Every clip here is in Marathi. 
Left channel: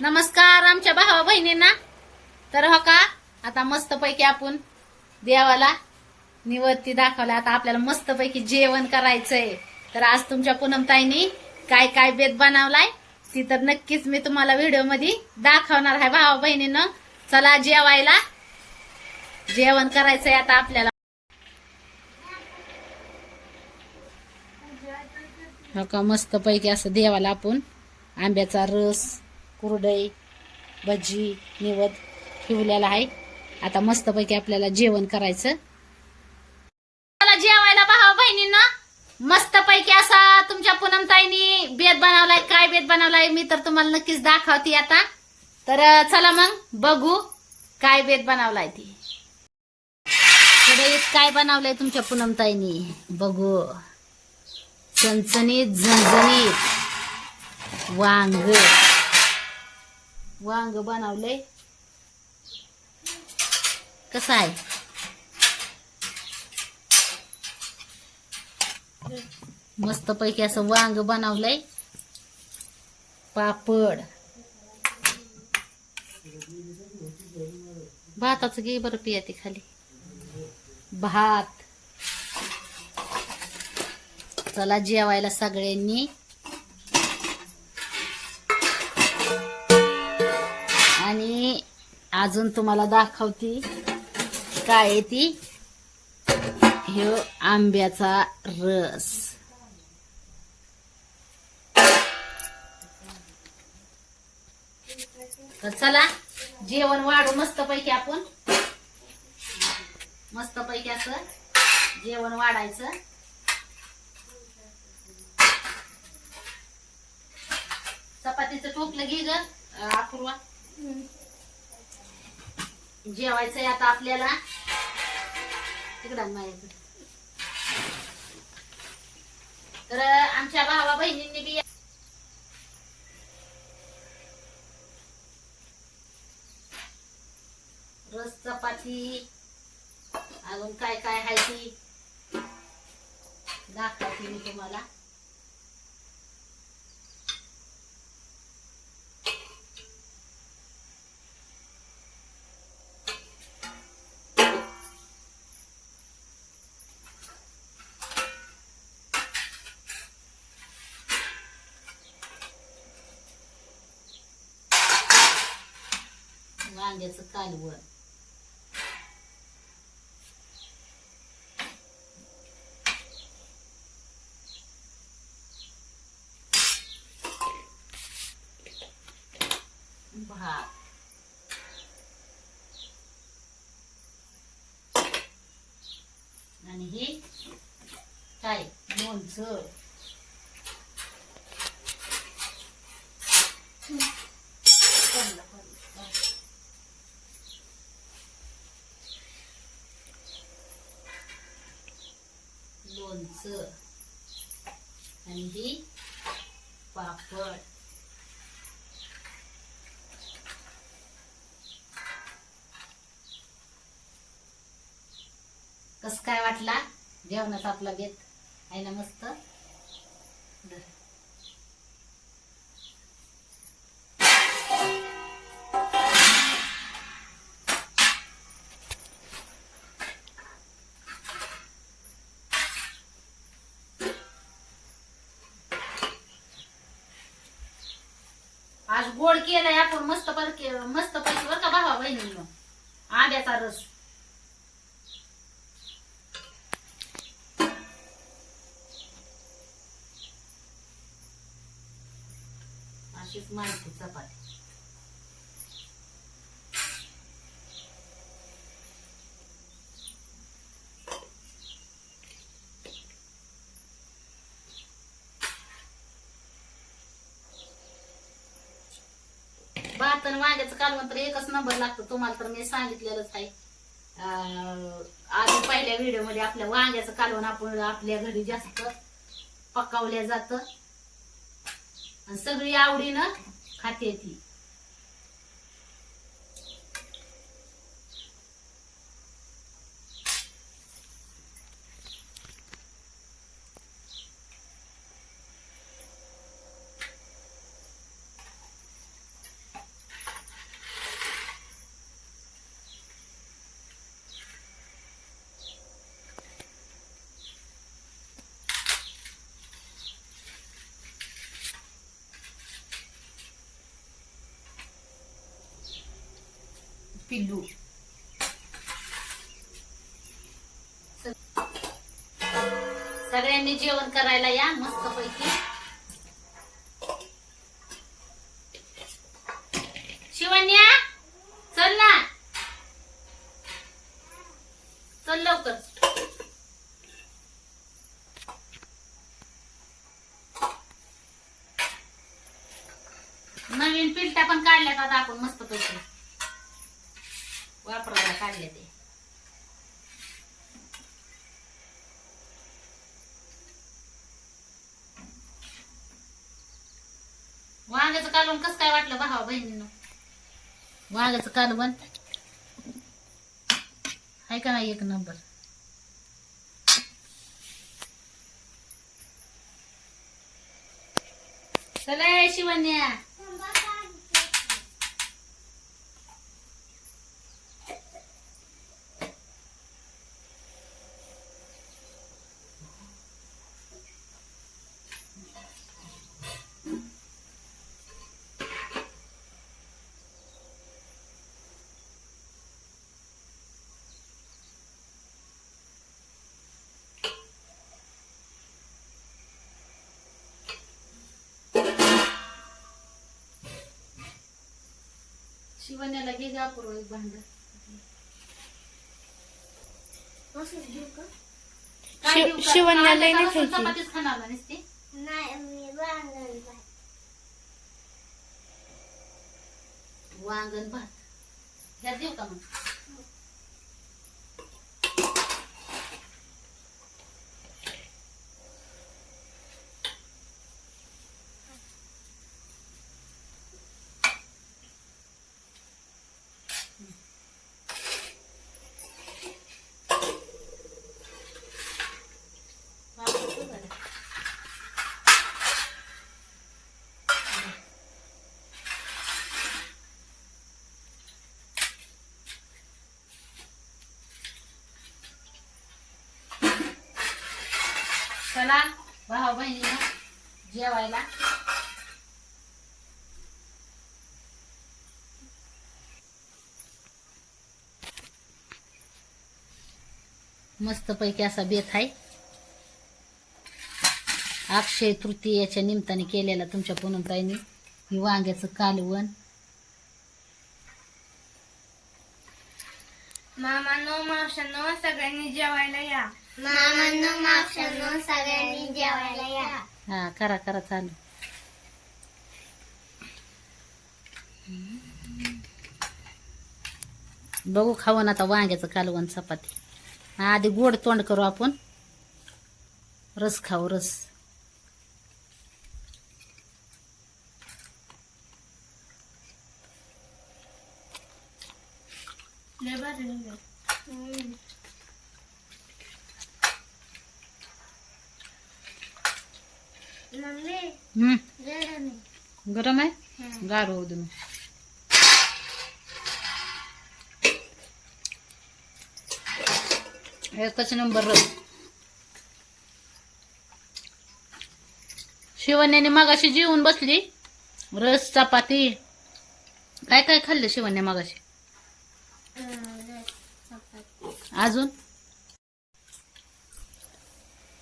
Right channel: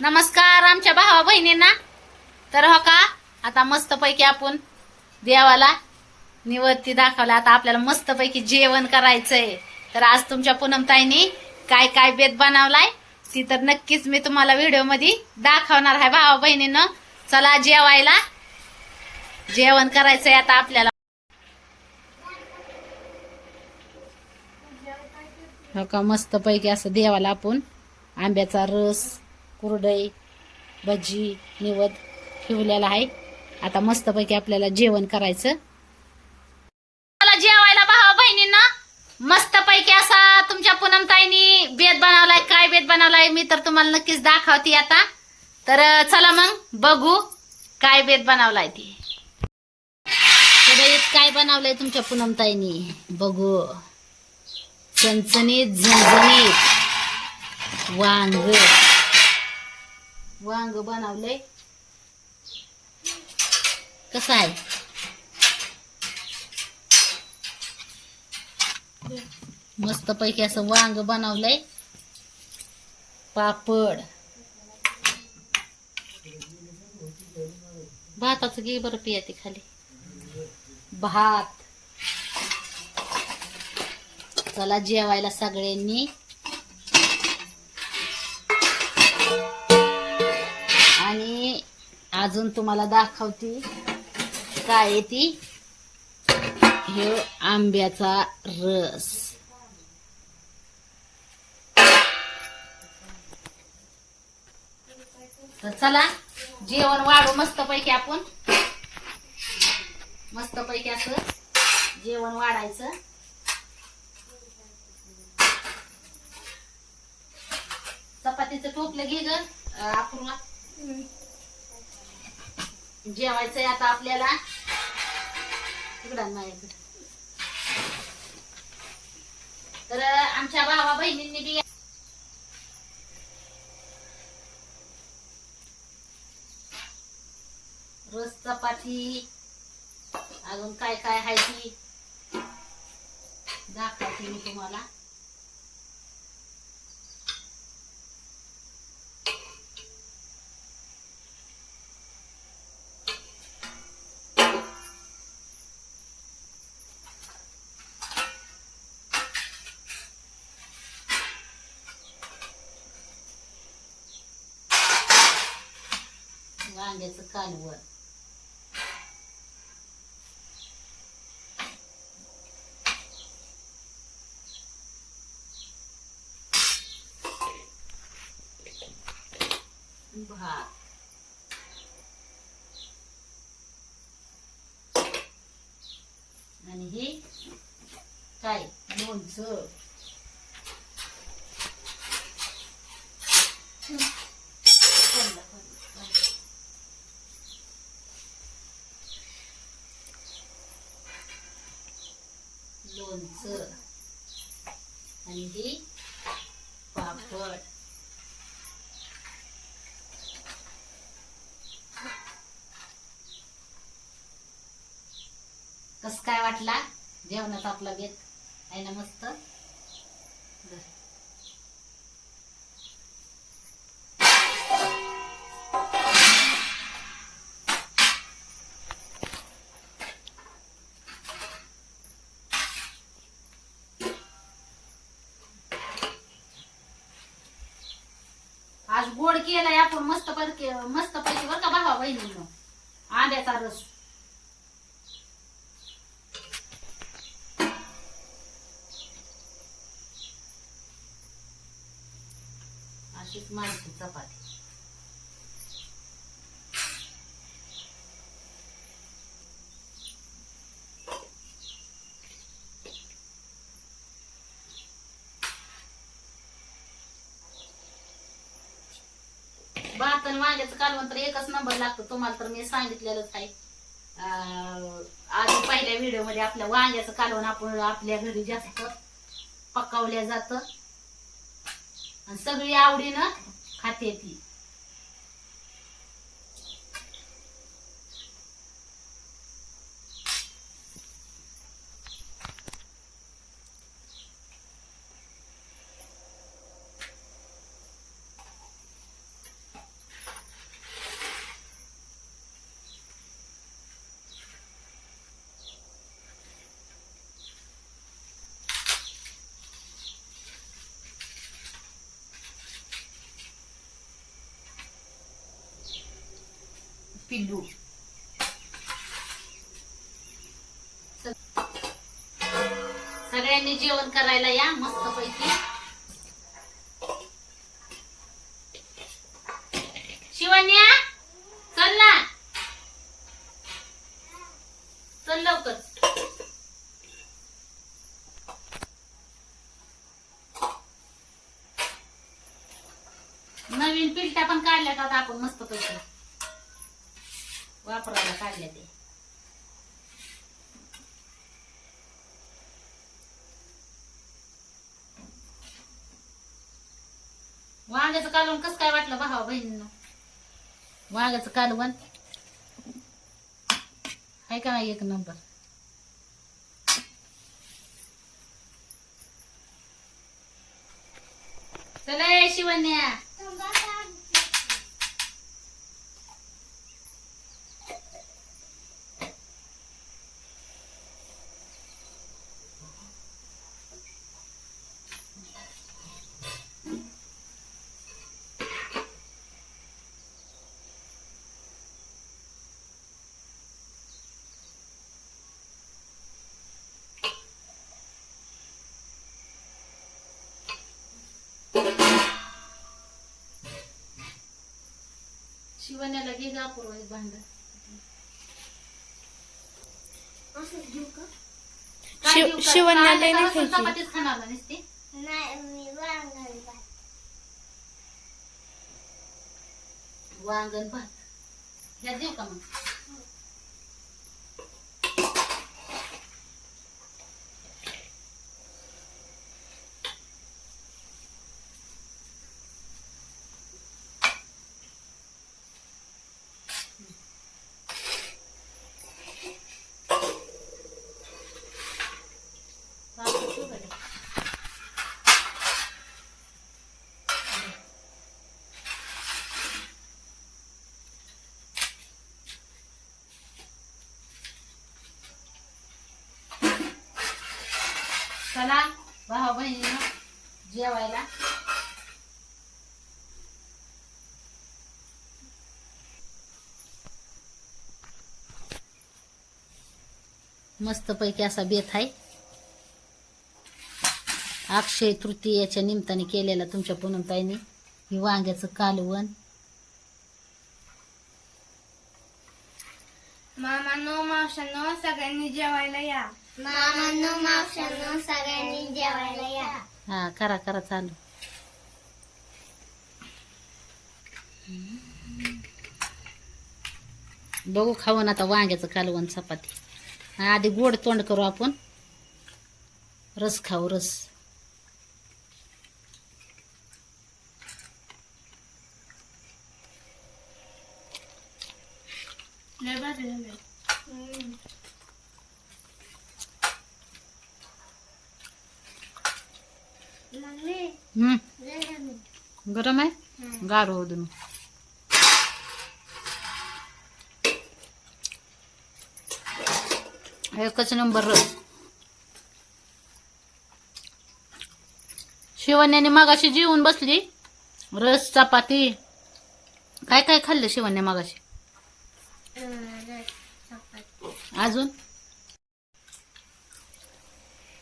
नमस्कार आमच्या भावा बहिणींना. तर हो का आता मस्तपैकी आपण देवाला निवृत्ती दाखवला. आता आपल्याला मस्तपैकी जेवण करायचंय. तर आज तुमच्या पूनमताईनी काय काय बेत बनवलाय ती तर नक्कीच मी तुम्हाला व्हिडिओमध्ये दाखवणार आहे. भावा बहिणीनं चला जेवायला. जेवण करायचंय आता आपल्याला. हो का मस्तपैकी असं देवाला आपण आंब्याचा रस कुरडई भजी निवद ठेवलेला आहे. आता मस्तपैकी आपल्याला जेवण करायचं. मला जेवायला भावा बहिणींना. मस्तपैकी असा तुमच्या पूनमताईनी बेद बनवलाय. काय बेद बनवलाय मी तर तुम्हाला नक्कीच दाखवते आता. तर चला मग बघू काय बेद बनवलाय ती. कढईत काय बनवलंय तुमच्या पूनमताईनी? बघू. चणचणीत झणझणीत. वांग. वांग बनवलंय. कसं आहे? मस्त पैकी असं वांग बनवलंय. पापड. भाताचं घे बरं पिया ती खाली. भात. चला जेवायला सगळ्यांनी. अजून तुम्हाला दाखवती. काय आहे ती? हे आंब्याचा रस. तर चला जेवण वाढू मस्त पैकी आपण. मस्त पैकी असं जेवण वाढायचं. चपातीचं टोपलं घे ग अपूर्वा. जेवायचंय आता आपल्याला. तिकडं माझ्याकडे तर आमच्या भावा बहिणींनी बी रस चपाती अजून काय काय आहे ती? दाखवते मी तुम्हाला. वांग्याचं कालवण भात आणि हे काय लोणचं आणि ही पापड. कस काय वाटला? जेवणाचा आपला बेत आहे ना मस्त? गोड केलाय आपण मस्त पैकी मस्त पैकी बर का भावा बहिणी आंब्याचा रस. अशीच माहिती चपाती. भात आणि वांग्याचं कालवण तर एकच नंबर लागतो तुम्हाला तर मी सांगितलेलंच आहे. आधी पहिल्या व्हिडिओमध्ये आपल्या वांग्याचं कालवण आपण आपल्या घरी जास्त पकावल्या जात. आणि सगळी आवडीनं खाते ती. पिल्लू. सगळ्यांनी जेवण करायला या मस्त पैकी शिवण्या चल ना. चल लवकर. नवीन पिलट्या पण काढल्यात आता आपण मस्त पैकी वांग्याचं कालवण कसं काय वाटलं भावा बहिणीनं? वांग्याचं कालवण. आहे का नाही एक नंबर? चला शिवन्या शिवण्याला घे जा अपूर्व एक भांड शिव- शिवण्याला लई नाही खायची. चपातीच खाणार ना नुसती वांगण भात. ह्यात देऊ का मग भात देऊ का ते? चला भाऊ बहिणीनं जेवायला. मस्त पैकी असा बेत आहे. अक्षय तृतीयाच्या निमित्ताने केलेला तुमच्या पुनमताईने ही वांग्याचं कालवण. मामानो मावशांनो सगळ्यांनी जेवायला या. मामांनो मावशांनो सगळ्यांनी जेवायला या. हा करा करा चालू. बघू खाऊन आता वांग्याचं कालवण चपाती. हा, आधी गोड तोंड करू आपण. रस खाऊ रस. लय भारी झाले. मम्मी हम्म. गरम आहे. गार होऊ दे. एकच नंबर रस शिवण्याने मागाशी जेवून बसली. रस चपाती. काय काय खाल्लं शिवण्या मागाशी. अजून?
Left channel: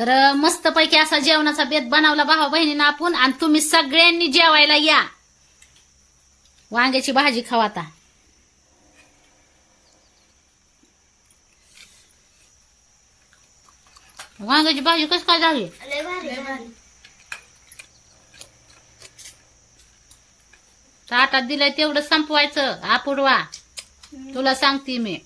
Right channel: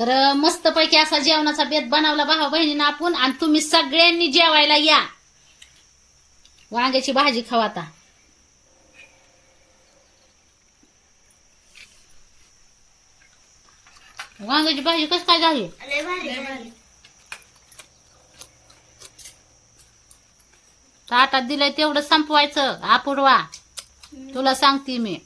तर मस्त पैकी असा जेवणाचा बेत बनवला भावा बहिणीनं आपण आणि तुम्ही सगळ्यांनी जेवायला या. वांग्याची भाजी खावा आता. वांग्याची भाजी कस काय झाली? ताटात दिलंय तेवढं संपवायचं अपूर्वा तुला सांगते मी.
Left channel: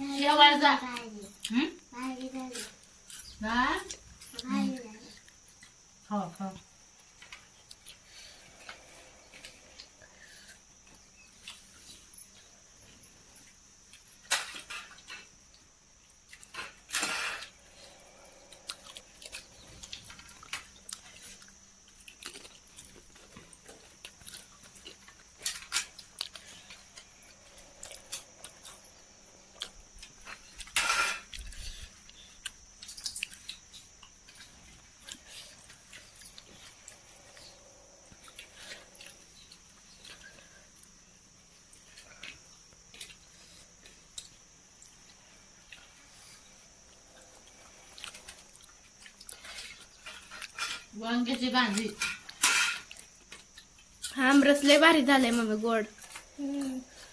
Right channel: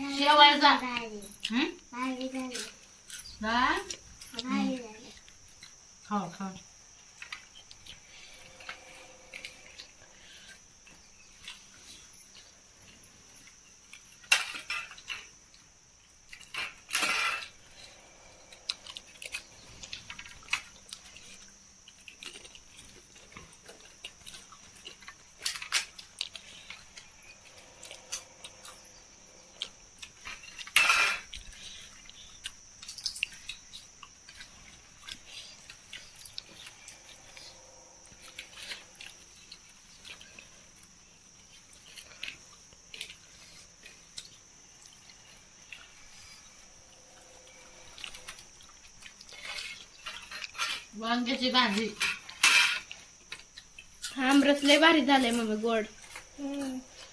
बाहेर जा भाजी हं? भाजी वांग्याची भाजी. आमरस लय भारी झालंय मम्मी गोड.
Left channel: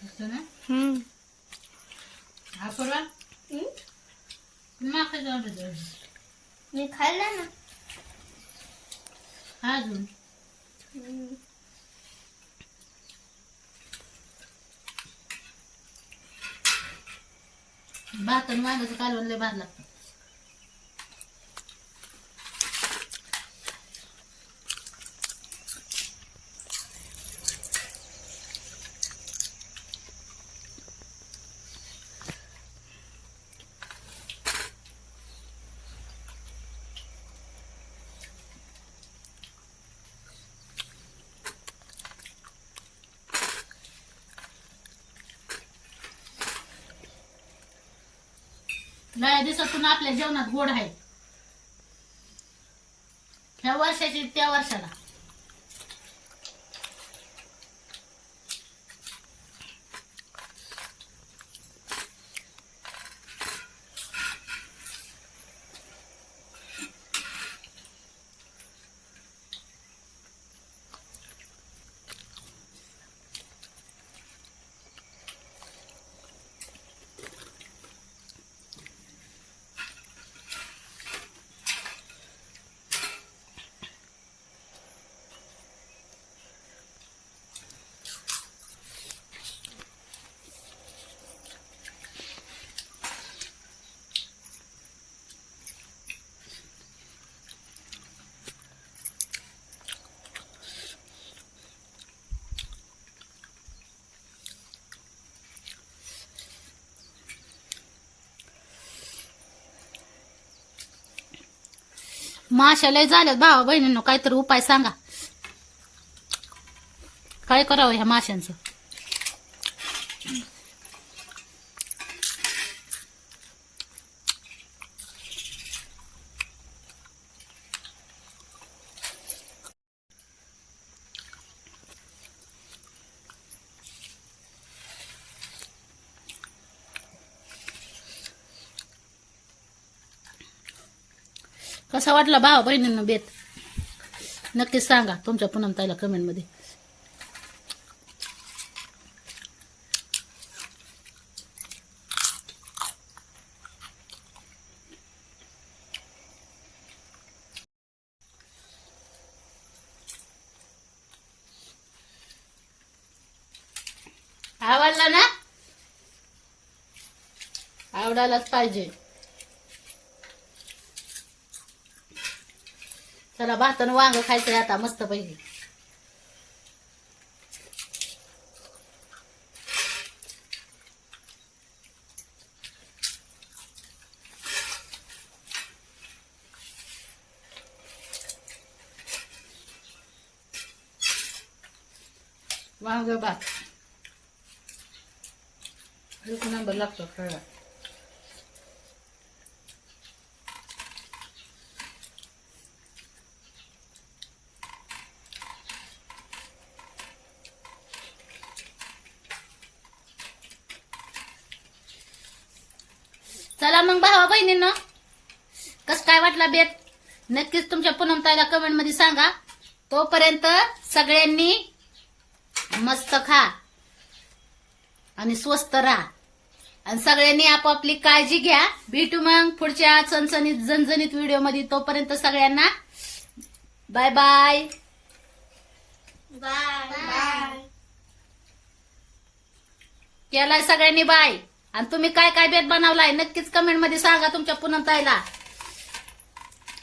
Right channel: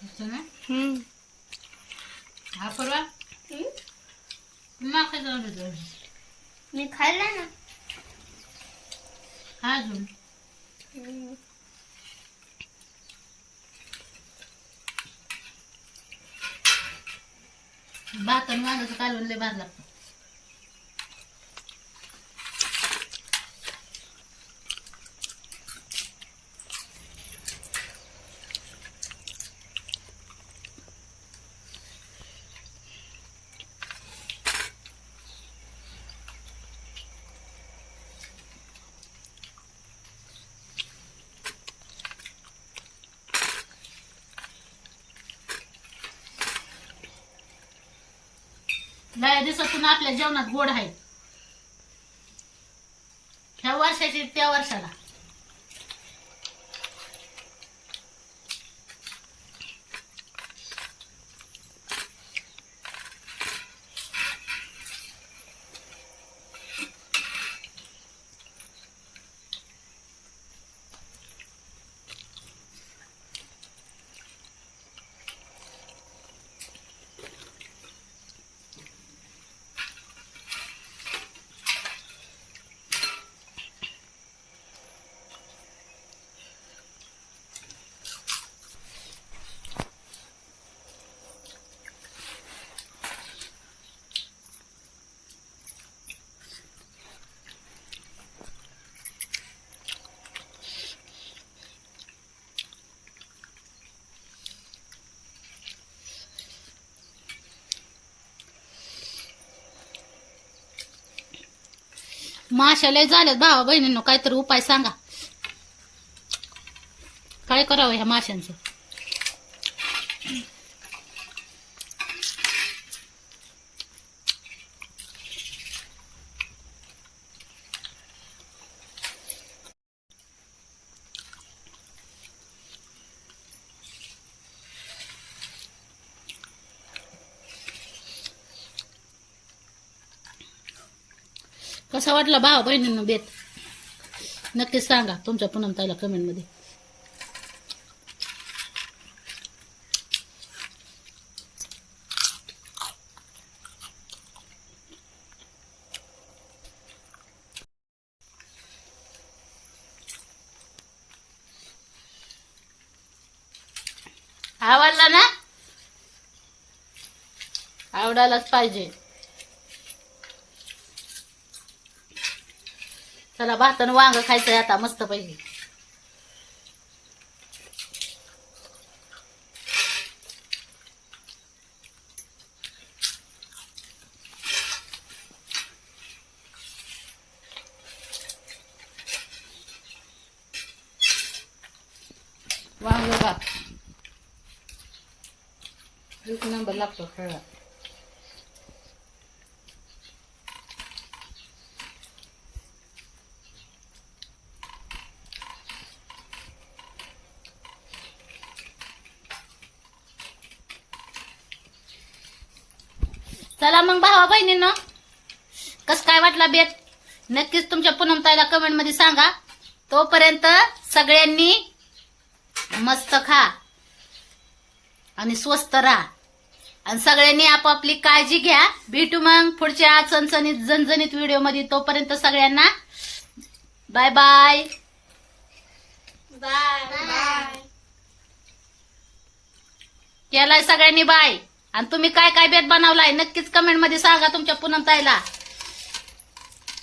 असं ना? हम्म. हा परवा? माका जाऊन दे. मी खाल्लं ना. हा अजून? भात आणि वांग्याचं कालवण लय भार लागतं. लय दिवसातून आपल्या जेवणात गोड आहे ह्या वर्षाची त्या वर्षाला. माशा लय झाल्यात भावा बहिणींनो काहीतरी उपाय सांगा. काय करावं ह्या माशांचं कसा वाटला भाव बहिणींना बेत नक्कीच सांगा तुमच्या पुनम ताईला कमेंटमध्ये. आवडला ना? आवडायलाच पाहिजे. चला भातानं वांग खायचंय आता मस्त पैकी. वांग भात. एक नंबर लागतो खेळा चला मग भावा बहिणींनो. कस काय वाटला बेत? नक्कीच तुमच्या पूनमताईला कमेंटमध्ये सांगा. तोपर्यंत सगळ्यांनी मस्त खा आणि स्वस्त राहा. आणि सगळ्यांनी आपापली काळजी घ्या. भेटू मग पुढच्या चणचणीत जनजणीत व्हिडिओमध्ये. तोपर्यंत सगळ्यांना बाय बाय बाय बाय केलाय सगळ्यांनी बाय आणि तुम्ही काय काय बेत बनवलाय? नक्कीच कमेंटमध्ये सांगा तुमच्या पूनमताईला.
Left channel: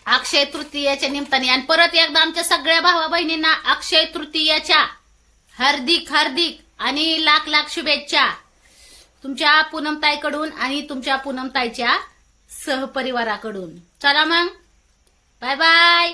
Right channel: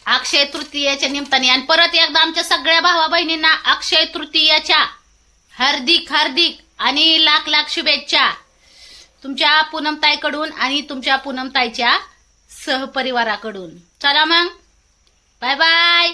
अक्षय तृतीयाच्या निमित्ताने. आणि परत एकदा आमच्या सगळ्या भावा बहिणींना अक्षय तृतीयाच्या हार्दिक हार्दिक आणि लाख लाख शुभेच्छा. तुमच्या पूनमताईकडून आणि तुमच्या पूनमताईच्या सहपरिवाराकडून. चला मग. Bye bye